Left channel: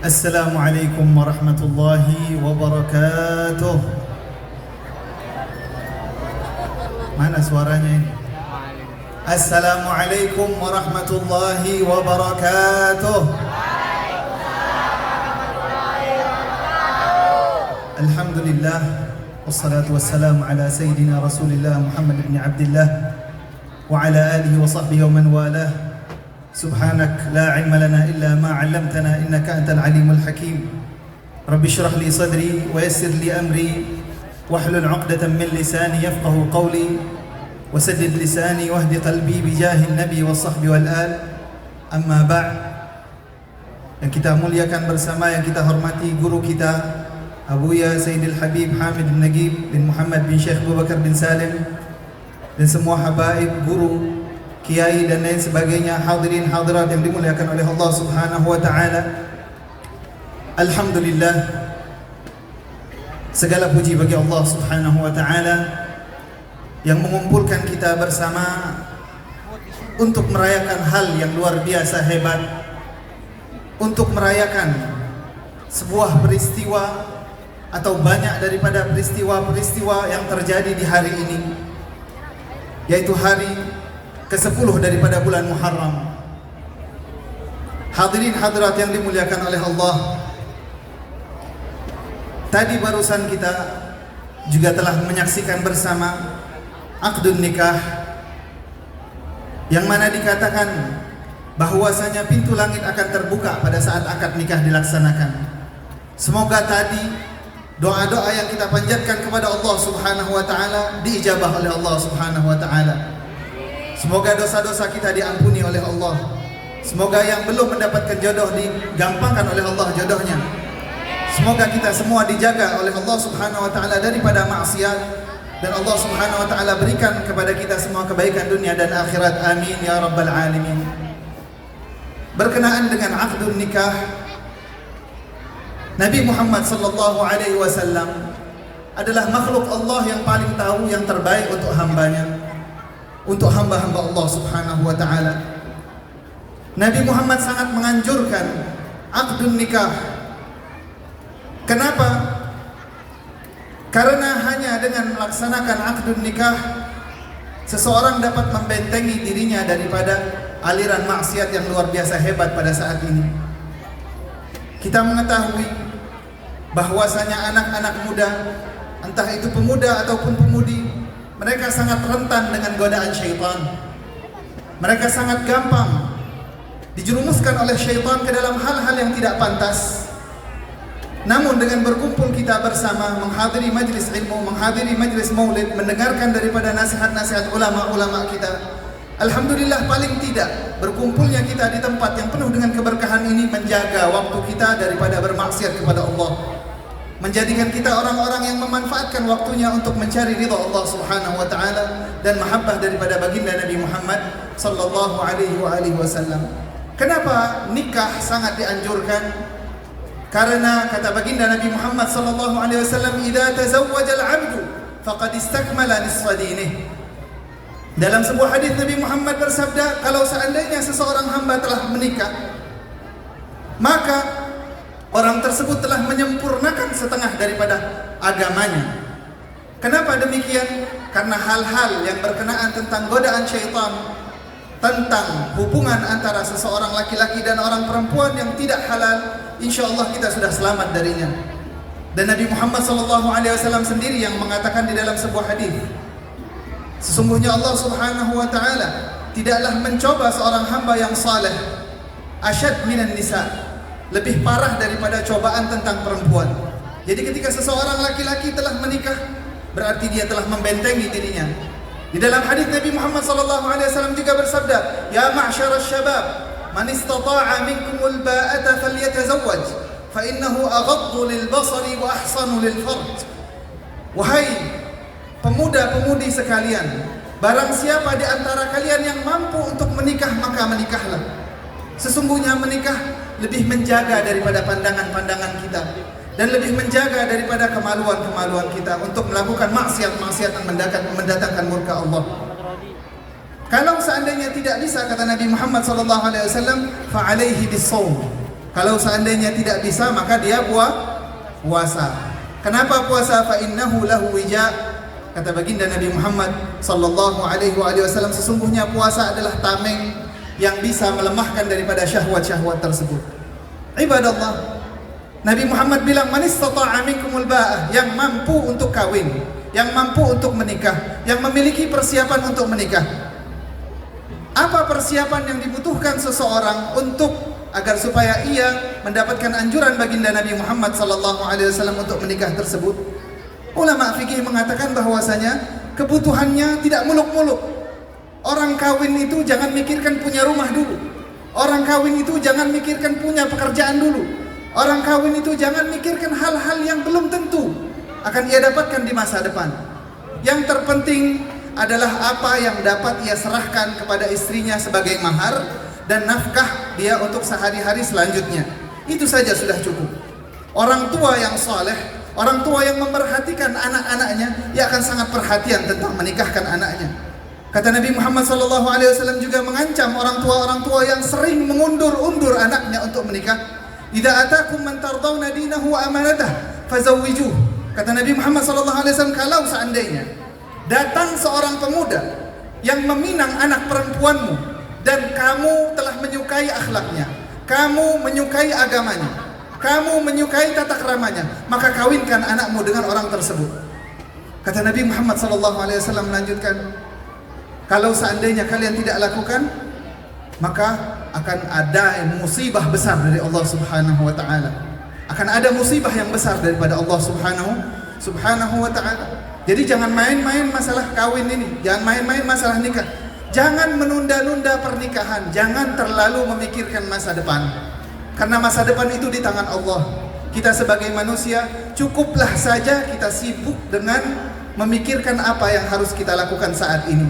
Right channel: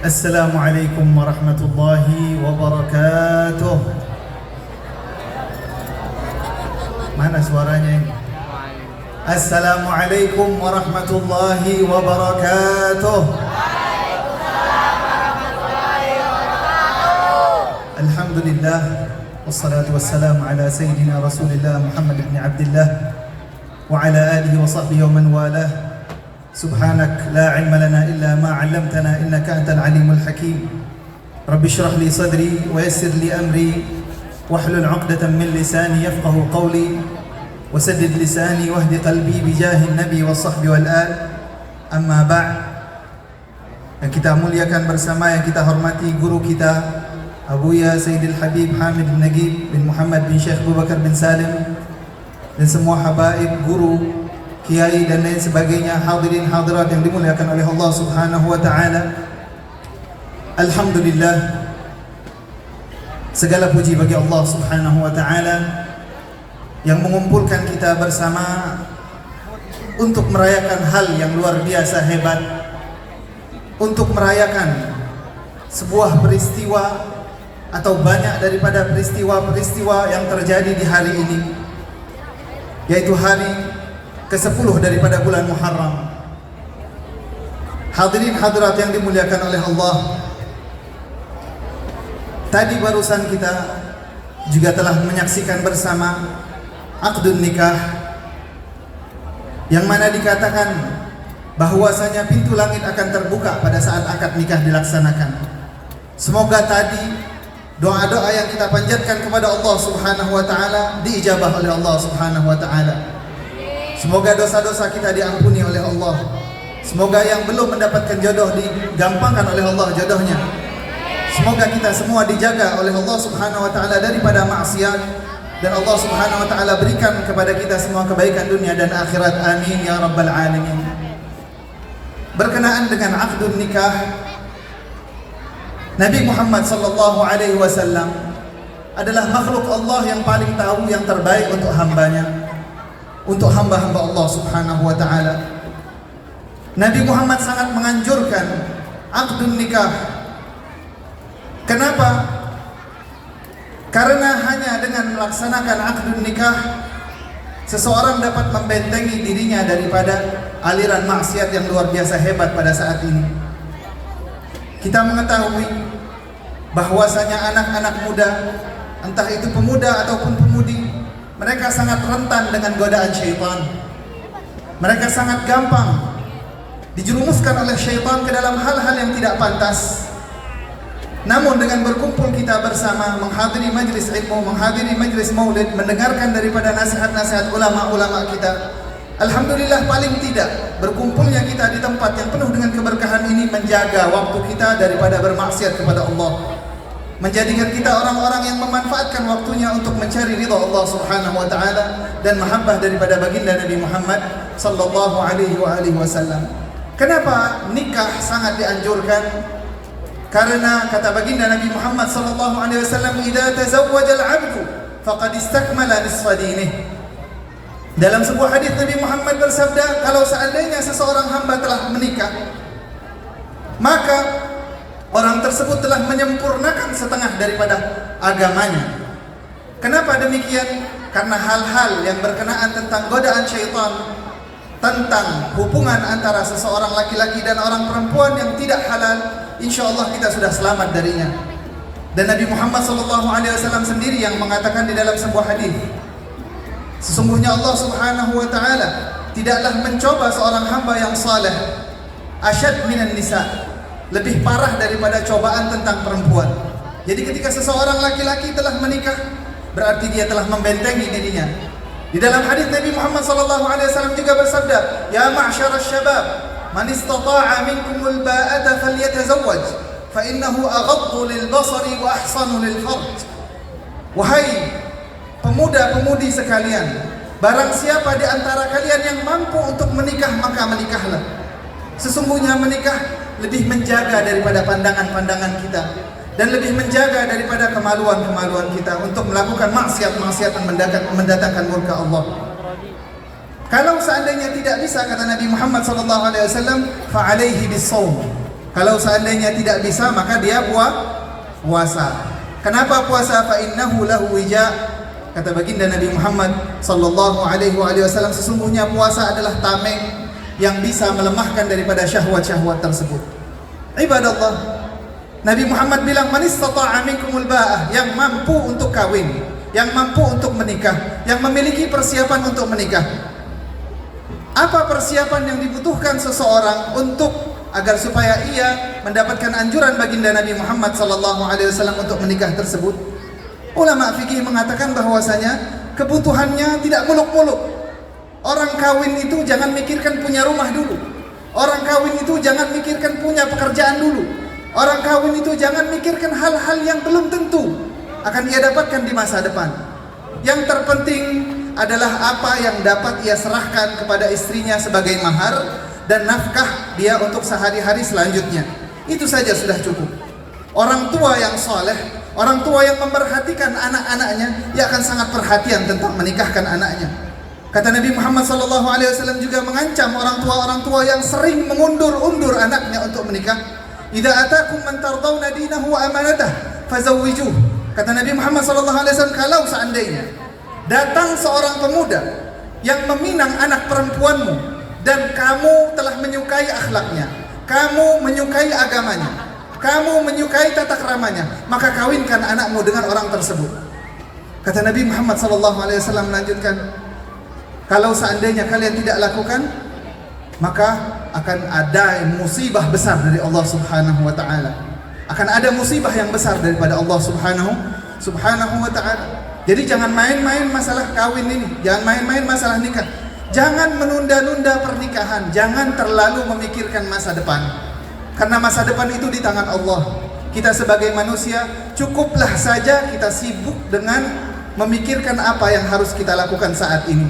Assalamualaikum warahmatullahi wabarakatuh. Mana suaranya ini? Assalamualaikum warahmatullahi wabarakatuh. Alhamdulillah, wassalatu wassalamu ala sayyidina Rasulillah Muhammad ibn Abdullah wa ala alihi wa sahbihi wa man walah. Subhanak la ilma lana illa ma 'allamtana innaka antal alimul hakim. Rabbi shrah li sadri wa yassir li amri wahlul 'uqdatam min lisani yafqahu qawli wasaddid lisani wahdi qalbi bijahin nabi wa sahbi wal al. Amma ba'd. Yang kita muliakan bersama, yang kita hormati guru kita Abuya Sayyidil Habib Hamid bin Nagib bin Muhammad bin Syekh Abu Bakar bin Salim, dan semua habaib, guru, kiai dan lain sebagainya, hadirin hadirat yang dimuliakan oleh Allah Subhanahu wa taala. Alhamdulillah, segala puji bagi Allah Subhanahu wa taala yang mengumpulkan kita bersama untuk merayakan hal yang luar biasa hebat, untuk merayakan sebuah peristiwa atau banyak daripada peristiwa-peristiwa yang terjadi di hari ini, yaitu hari ke-10 daripada bulan Muharram. Hadirin hadirat yang dimuliakan oleh Allah, tadi barusan kita juga telah menyaksikan bersama akdun nikah, yang mana dikatakan bahwasanya pintu langit akan terbuka pada saat akad nikah dilaksanakan. Semoga tadi doa-doa yang kita panjatkan kepada Allah Subhanahu wa taala diijabah oleh Allah Subhanahu wa taala. Semoga dosa-dosa kita diampuni oleh Allah. Semoga yang belum mendapatkan jodoh digampangkan oleh Allah jodohnya. Semoga kita semua dijaga oleh Allah Subhanahu wa taala daripada maksiat, dan Allah Subhanahu wa taala berikan kepada kita semua kebaikan dunia dan akhirat. Amin ya rabbal alamin. Berkenaan dengan akdun nikah, Nabi Muhammad sallallahu alaihi wasallam adalah makhluk Allah yang paling tahu yang terbaik untuk hambanya, untuk hamba-hamba Allah Subhanahu wa taala. Nabi Muhammad sangat menganjurkan akdun nikah. Kenapa? Karena hanya dengan melaksanakan akdun nikah, seseorang dapat membentengi dirinya daripada aliran maksiat yang luar biasa hebat pada saat ini. Kita mengetahui bahwasanya anak-anak muda, entah itu pemuda ataupun pemudi, mereka sangat rentan dengan godaan syaitan. Mereka sangat gampang dijerumuskan oleh syaitan ke dalam hal-hal yang tidak pantas. Namun dengan berkumpul kita bersama, menghadiri majlis ilmu, menghadiri majlis maulid, mendengarkan daripada nasihat-nasihat ulama-ulama kita, alhamdulillah, paling tidak berkumpulnya kita di tempat yang penuh dengan keberkahan ini menjaga waktu kita daripada bermaksiat kepada Allah, menjadikan kita orang-orang yang memanfaatkan waktunya untuk mencari ridha Allah Subhanahu wa taala dan mahabbah daripada baginda Nabi Muhammad sallallahu alaihi wasallam. Kenapa nikah sangat dianjurkan? Karena kata baginda Nabi Muhammad sallallahu alaihi wasallam, "Idza tazawwaja al-'abdu faqad istakmala nisfa dinih." Dalam sebuah hadis Nabi Muhammad bersabda, kalau seandainya seseorang hamba telah menikah, maka orang tersebut telah menyempurnakan setengah daripada agamanya. Kenapa demikian? Karena hal-hal yang berkenaan tentang godaan syaitan, tentang hubungan antara seseorang laki-laki dan orang perempuan yang tidak halal, insyaallah kita sudah selamat darinya. Dan Nabi Muhammad SAW sendiri yang mengatakan di dalam sebuah hadis, sesungguhnya Allah Subhanahu wa taala tidaklah mencoba seorang hamba yang saleh asyad minan nisa, lebih parah daripada cobaan tentang perempuan. Jadi ketika seseorang laki-laki telah menikah, berarti dia telah membentengi dirinya. Di dalam hadis Nabi Muhammad SAW juga bersabda, "Ya ma'syarasy syabab, man istata'a minkumul ba'ata falyatazawwaj, fa innahu aghaddu lil basari wa ahsanu lil farj." Wahai pemuda-pemudi sekalian, barang siapa di antara kalian yang mampu untuk menikah, maka menikahlah. Sesungguhnya menikah lebih menjaga daripada pandangan-pandangan kita, dan lebih menjaga daripada kemaluan-kemaluan kita untuk melakukan maksiat-maksiat yang mendatangkan murka Allah. Kalau seandainya tidak bisa, kata Nabi Muhammad SAW, fa'alaihi bis-shaum, Kalau seandainya tidak bisa, maka dia puasa. Kenapa puasa? Fa innahu lahu wija. Kata baginda Nabi Muhammad sallallahu alaihi wasallam, sesungguhnya puasa adalah tameng yang bisa melemahkan daripada syahwat-syahwat tersebut. Ibadallah, Nabi Muhammad bilang, man istata'a minkumul ba'ah, yang mampu untuk kawin, yang mampu untuk menikah, yang memiliki persiapan untuk menikah. Apa persiapan yang dibutuhkan seseorang untuk agar supaya ia mendapatkan anjuran baginda Nabi Muhammad sallallahu alaihi wasallam untuk menikah tersebut? Ulama fikih mengatakan bahwasanya kebutuhannya tidak muluk-muluk. Orang kawin itu jangan mikirkan punya rumah dulu. Orang kawin itu jangan mikirkan punya pekerjaan dulu. Orang kawin itu jangan mikirkan hal-hal yang belum tentu akan ia dapatkan di masa depan. Yang terpenting adalah apa yang dapat ia serahkan kepada istrinya sebagai mahar dan nafkah dia untuk sehari-hari selanjutnya. Itu saja sudah cukup. Orang tua yang saleh, orang tua yang memperhatikan anak-anaknya, ia akan sangat perhatian tentang menikahkan anaknya. Kata Nabi Muhammad SAW juga mengancam orang tua yang sering mengundur-undur anaknya untuk menikah. Idza atakum man tardawna dinahu wa amanatah fazawwijuh. Kata Nabi Muhammad SAW, kalau seandainya datang seorang pemuda yang meminang anak perempuanmu dan kamu telah menyukai akhlaknya, kamu menyukai agamanya, kamu menyukai tata keramanya, maka kawinkan anakmu dengan orang tersebut. Kata Nabi Muhammad SAW melanjutkan, kalau seandainya kalian tidak lakukan, maka akan ada musibah besar dari Allah Subhanahu wa taala. Akan ada musibah yang besar daripada Allah Subhanahu wa taala. Jadi jangan main-main masalah kawin ini, jangan main-main masalah nikah. Jangan menunda-nunda pernikahan, jangan terlalu memikirkan masa depan. Karena masa depan itu di tangan Allah. Kita sebagai manusia, cukuplah saja kita sibuk dengan memikirkan apa yang harus kita lakukan saat ini.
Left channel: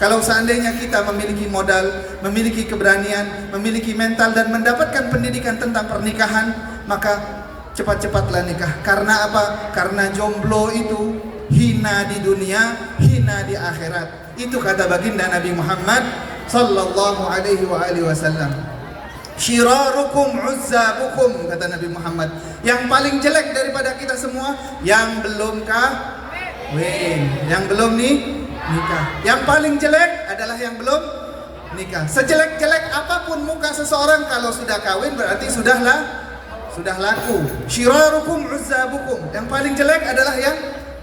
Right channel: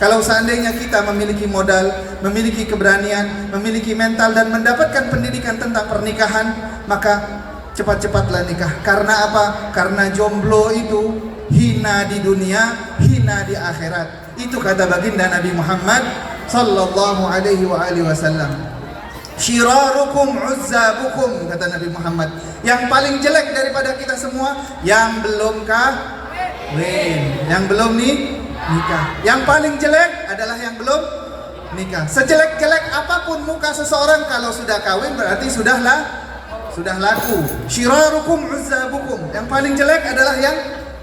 Kalau seandainya kita memiliki modal, memiliki keberanian, memiliki mental dan mendapatkan pendidikan tentang pernikahan, maka cepat-cepatlah nikah. Karena apa? Karena jomblo itu hina di dunia, hina di akhirat. Itu kata baginda Nabi Muhammad sallallahu alaihi wasallam. Syirarukum uzzabukum, kata Nabi Muhammad. Yang paling jelek daripada kita semua yang belum kawin, yang belum nikah. Yang paling jelek adalah yang belum nikah. Sejelek-jelek apapun muka seseorang, kalau sudah kawin berarti sudah laku. Syirarukum uzzabukum. Yang paling jelek adalah yang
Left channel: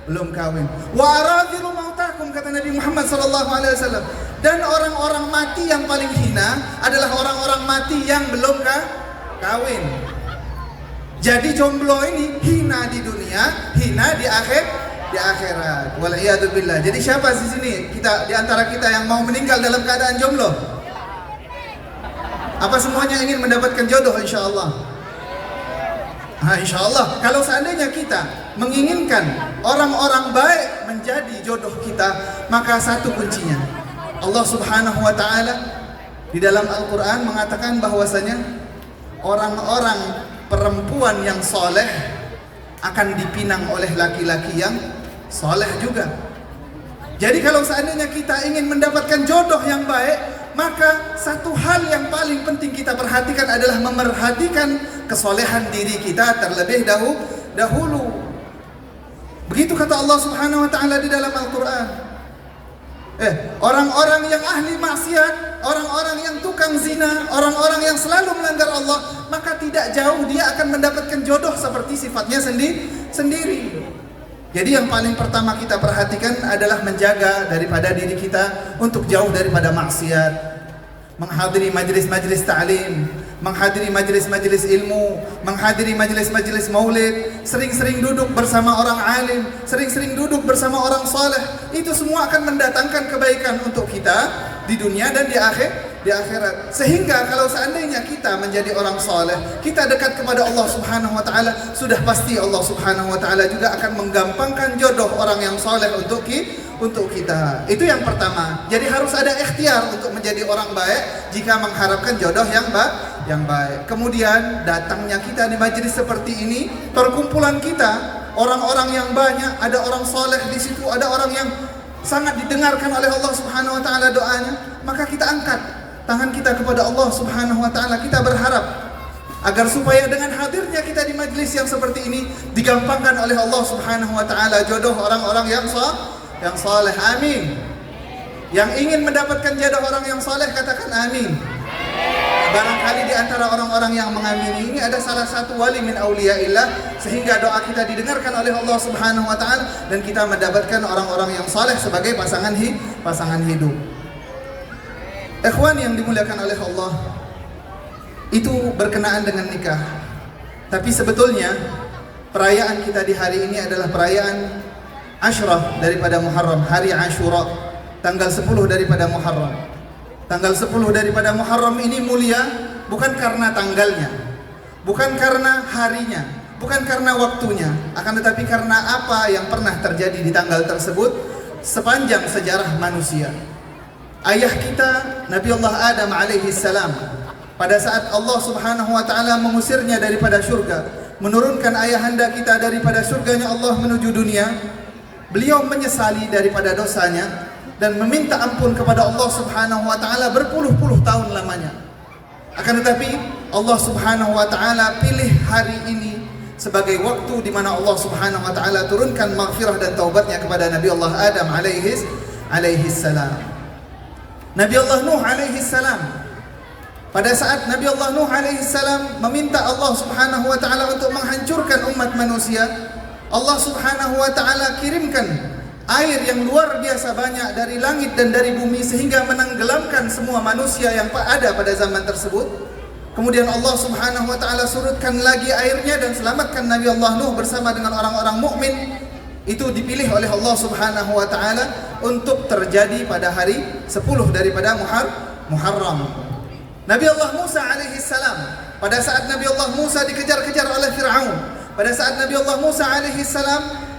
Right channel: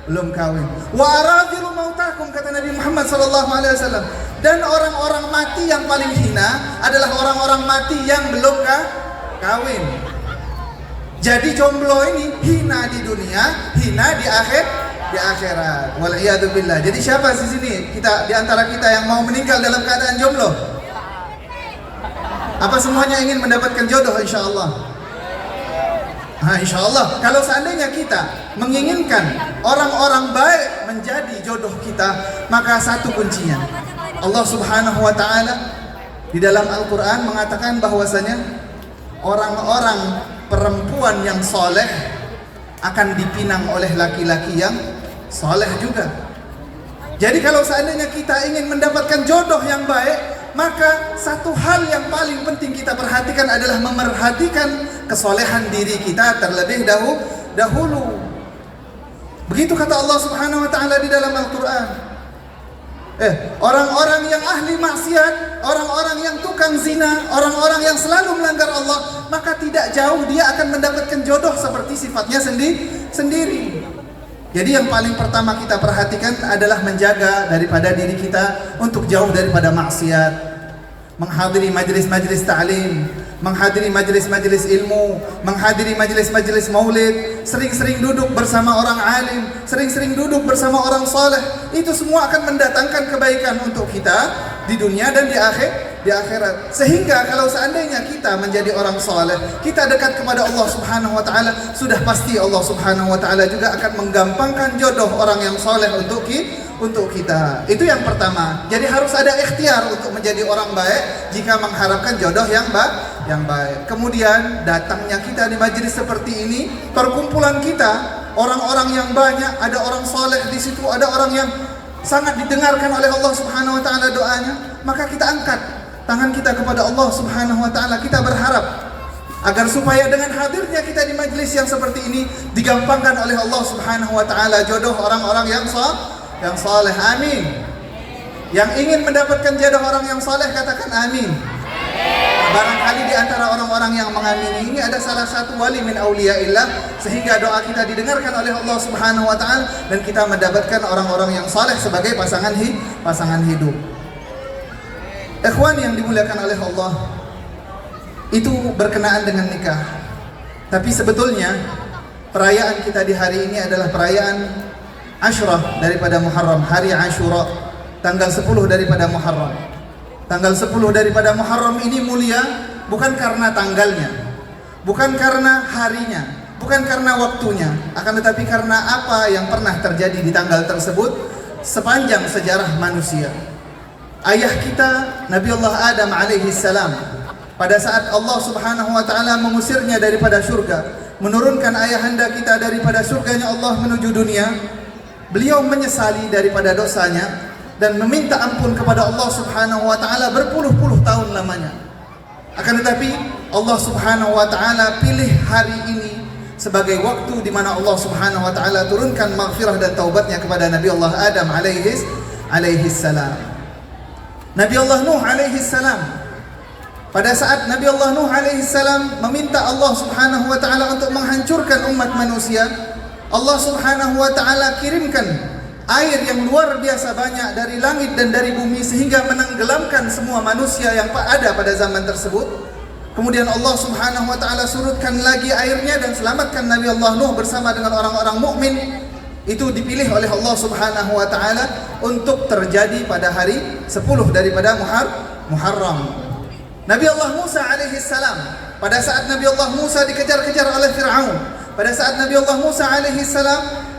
belum kawin. Wa aradhiru mautakum, kata Nabi Muhammad SAW. Dan orang-orang mati yang paling hina adalah orang-orang mati yang belum kawin. Jadi jomblo ini hina di dunia, hina di akhirat. Wal iyadu billah. Jadi siapa di sini di antara kita yang mau meninggal dalam keadaan jomblo? Apa semuanya ingin mendapatkan jodoh insyaallah? InsyaAllah, kalau seandainya kita menginginkan orang-orang baik menjadi jodoh kita, maka satu kuncinya, Allah Subhanahu wa ta'ala di dalam Al-Quran mengatakan bahwasanya orang-orang perempuan yang soleh akan dipinang oleh laki-laki yang soleh juga. Jadi kalau seandainya kita ingin mendapatkan jodoh yang baik, maka satu hal yang paling penting kita perhatikan adalah memerhatikan kesolehan diri kita terlebih dahulu. Begitu kata Allah Subhanahu wa ta'ala di dalam Al-Quran. Orang-orang yang ahli maksiat, orang-orang yang tukang zina, orang-orang yang selalu melanggar Allah, maka tidak jauh dia akan mendapatkan jodoh seperti sifatnya sendiri. Jadi yang paling pertama kita perhatikan adalah menjaga daripada diri kita untuk jauh daripada maksiat. Menghadiri majelis-majelis ta'lim, menghadiri majelis-majelis ilmu, menghadiri majelis-majelis maulid, sering-sering duduk bersama orang alim, sering-sering duduk bersama orang saleh. Itu semua akan mendatangkan kebaikan untuk kita di dunia dan di akhirat. Sehingga kalau seandainya kita menjadi orang saleh, kita dekat kepada Allah Subhanahu wa taala, sudah pasti Allah Subhanahu wa taala juga akan menggampangkan jodoh orang yang saleh untuk kita. Itu yang pertama. Jadi harus ada ikhtiar untuk menjadi orang baik jika mengharapkan jodoh yang baik. Kemudian datangnya kita di majelis seperti ini, perkumpulan kita, orang-orang yang banyak, ada orang saleh di situ, ada orang yang sangat didengarkan oleh Allah Subhanahu wa taala doanya, maka kita angkat tangan kita kepada Allah Subhanahu wa taala, kita berharap agar supaya dengan hadirnya kita di majelis yang seperti ini digampangkan oleh Allah Subhanahu wa taala jodoh orang-orang yang saleh. Amin. Yang ingin mendapatkan jodoh orang yang saleh katakan amin. Barangkali di antara orang-orang yang mengamini ini ada salah satu wali min auliyaillah sehingga doa kita didengarkan oleh Allah Subhanahu wa taala dan kita mendapatkan orang-orang yang saleh sebagai pasangan hidup. Ikhwan yang dimuliakan oleh Allah, itu berkenaan dengan nikah. Tapi sebetulnya perayaan kita di hari ini adalah perayaan Ashrah daripada Muharram, hari Ashura, tanggal 10 daripada Muharram. Tanggal 10 daripada Muharram ini mulia bukan karena tanggalnya, bukan karena harinya, bukan karena waktunya, akan tetapi karena apa yang pernah terjadi di tanggal tersebut sepanjang sejarah manusia. Ayah kita Nabi Allah Adam alaihi salam, pada saat Allah Subhanahu wa taala mengusirnya daripada surga, menurunkan ayahanda kita daripada surganya Allah menuju dunia, beliau menyesali daripada dosanya dan meminta ampun kepada Allah Subhanahu wa taala berpuluh-puluh tahun lamanya. Akan tetapi Allah Subhanahu wa taala pilih hari ini sebagai waktu di mana Allah Subhanahu wa taala turunkan maghfirah dan taubatnya kepada Nabi Allah Adam alaihi salam. Nabi Allah Nuh alaihi salam, pada saat Nabi Allah Nuh alaihi salam meminta Allah Subhanahu wa taala untuk menghancurkan umat manusia, Allah Subhanahu wa taala kirimkan air yang luar biasa banyak dari langit dan dari bumi sehingga menenggelamkan semua manusia yang ada pada zaman tersebut. Kemudian Allah Subhanahu wa taala surutkan lagi airnya dan selamatkan Nabi Allah Nuh bersama dengan orang-orang mukmin. Itu dipilih oleh Allah Subhanahu wa taala untuk terjadi pada hari 10 daripada Muharram. Nabi Allah Musa alaihi salam, pada saat Nabi Allah Musa dikejar-kejar oleh Fir'aun, pada saat Nabi Allah Musa alaihi salam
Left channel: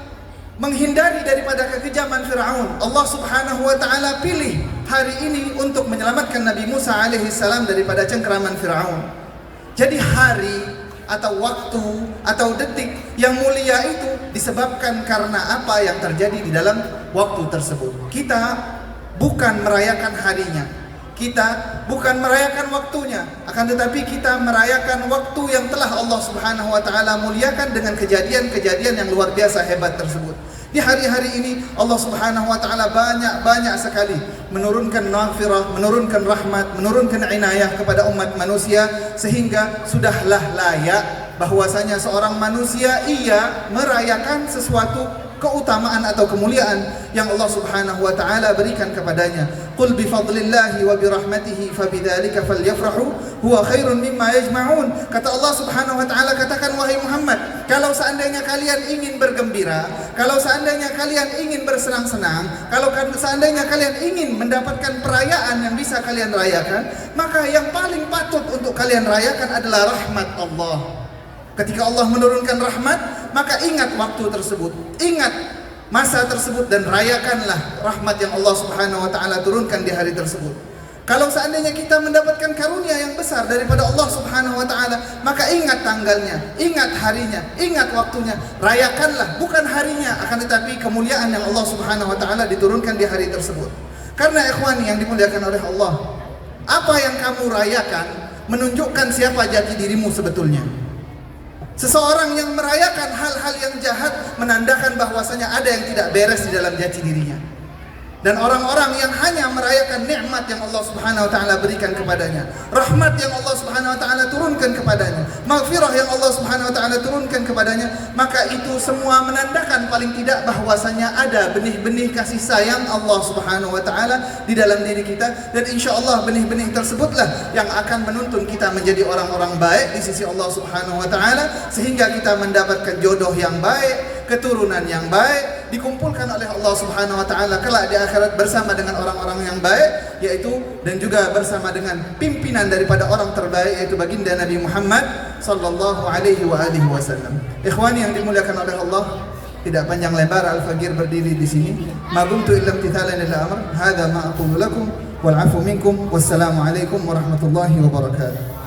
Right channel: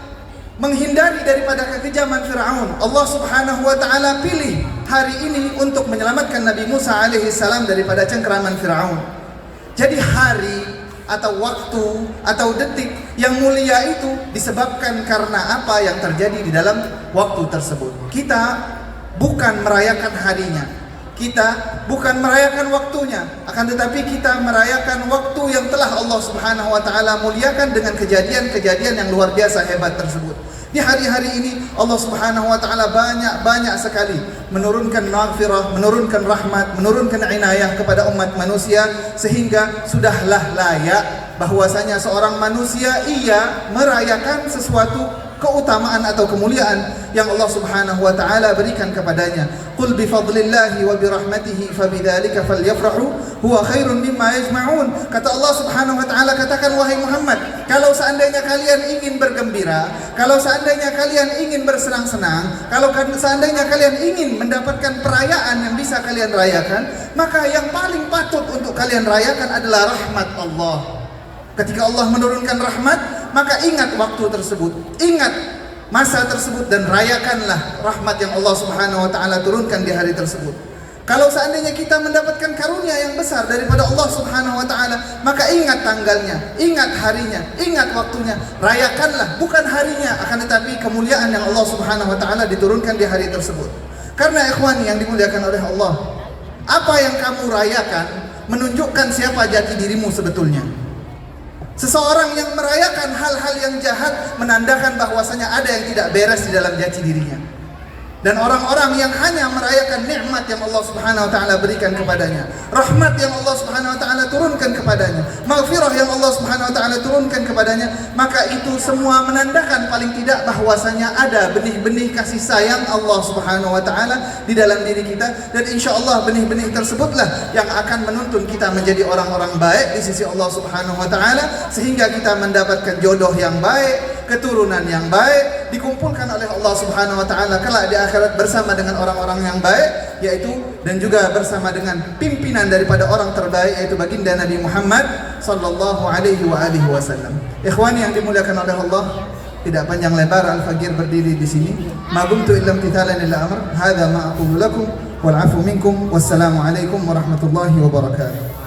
menghindari daripada kekejaman Fir'aun, Allah Subhanahu wa taala pilih hari ini untuk menyelamatkan Nabi Musa alaihi salam daripada cengkeraman Fir'aun. Jadi hari atau waktu atau detik yang mulia itu disebabkan karena apa yang terjadi di dalam waktu tersebut. Kita bukan merayakan harinya, kita bukan merayakan waktunya, akan tetapi kita merayakan waktu yang telah Allah Subhanahu wa taala muliakan dengan kejadian-kejadian yang luar biasa hebat tersebut. Di hari-hari ini Allah Subhanahu wa taala banyak sekali menurunkan maghfirah, menurunkan rahmat, menurunkan inayah kepada umat manusia sehingga sudahlah layak bahwasanya seorang manusia ia merayakan sesuatu keutamaan atau kemuliaan yang Allah Subhanahu wa taala berikan kepadanya. Qul bi fadlillahi wa bi rahmatihi fabidzalika falyafrahu huwa khairun mimma yajma'un. Kata Allah Subhanahu wa taala, katakan wahai Muhammad, kalau seandainya kalian ingin bergembira, kalau seandainya kalian ingin bersenang-senang, kalau seandainya kalian ingin mendapatkan perayaan yang bisa kalian rayakan, maka yang paling patut untuk kalian rayakan adalah rahmat Allah. Ketika Allah menurunkan rahmat, maka ingat waktu tersebut, ingat masa tersebut dan rayakanlah rahmat yang Allah Subhanahu wa taala turunkan di hari tersebut. Kalau seandainya kita mendapatkan karunia yang besar daripada Allah Subhanahu wa taala, maka ingat tanggalnya, ingat harinya, ingat waktunya, rayakanlah bukan harinya, akan tetapi kemuliaan yang Allah Subhanahu wa taala diturunkan di hari tersebut. Karena ikhwani yang dimuliakan oleh Allah, apa yang kamu rayakan menunjukkan siapa jati dirimu sebetulnya. Seseorang yang merayakan hal-hal yang jahat menandakan bahwasanya ada yang tidak beres di dalam jati dirinya. Dan orang-orang yang hanya merayakan nikmat yang Allah Subhanahu wa taala berikan kepadanya, rahmat yang Allah Subhanahu wa taala turunkan kepadanya, maghfirah yang Allah Subhanahu wa taala turunkan kepadanya, maka itu semua menandakan paling tidak bahwasanya ada benih-benih kasih sayang Allah Subhanahu wa taala di dalam diri kita, dan insyaallah benih-benih tersebutlah yang akan menuntun kita menjadi orang-orang baik di sisi Allah Subhanahu wa taala sehingga kita mendapatkan jodoh yang baik, keturunan yang baik, dikumpulkan oleh Allah Subhanahu wa taala kelak di akhirat bersama dengan orang-orang yang baik, yaitu dan juga bersama dengan pimpinan daripada orang terbaik yaitu baginda Nabi Muhammad sallallahu alaihi wasallam. Ikhwani yang dimuliakan oleh Allah, tidak panjang lebar Al-Faqir berdiri di sini. Ma buntu illa imtithalan lil amr. Hadza ma aqulu lakum wal 'afwu minkum. Wassalamu alaikum warahmatullahi wabarakatuh.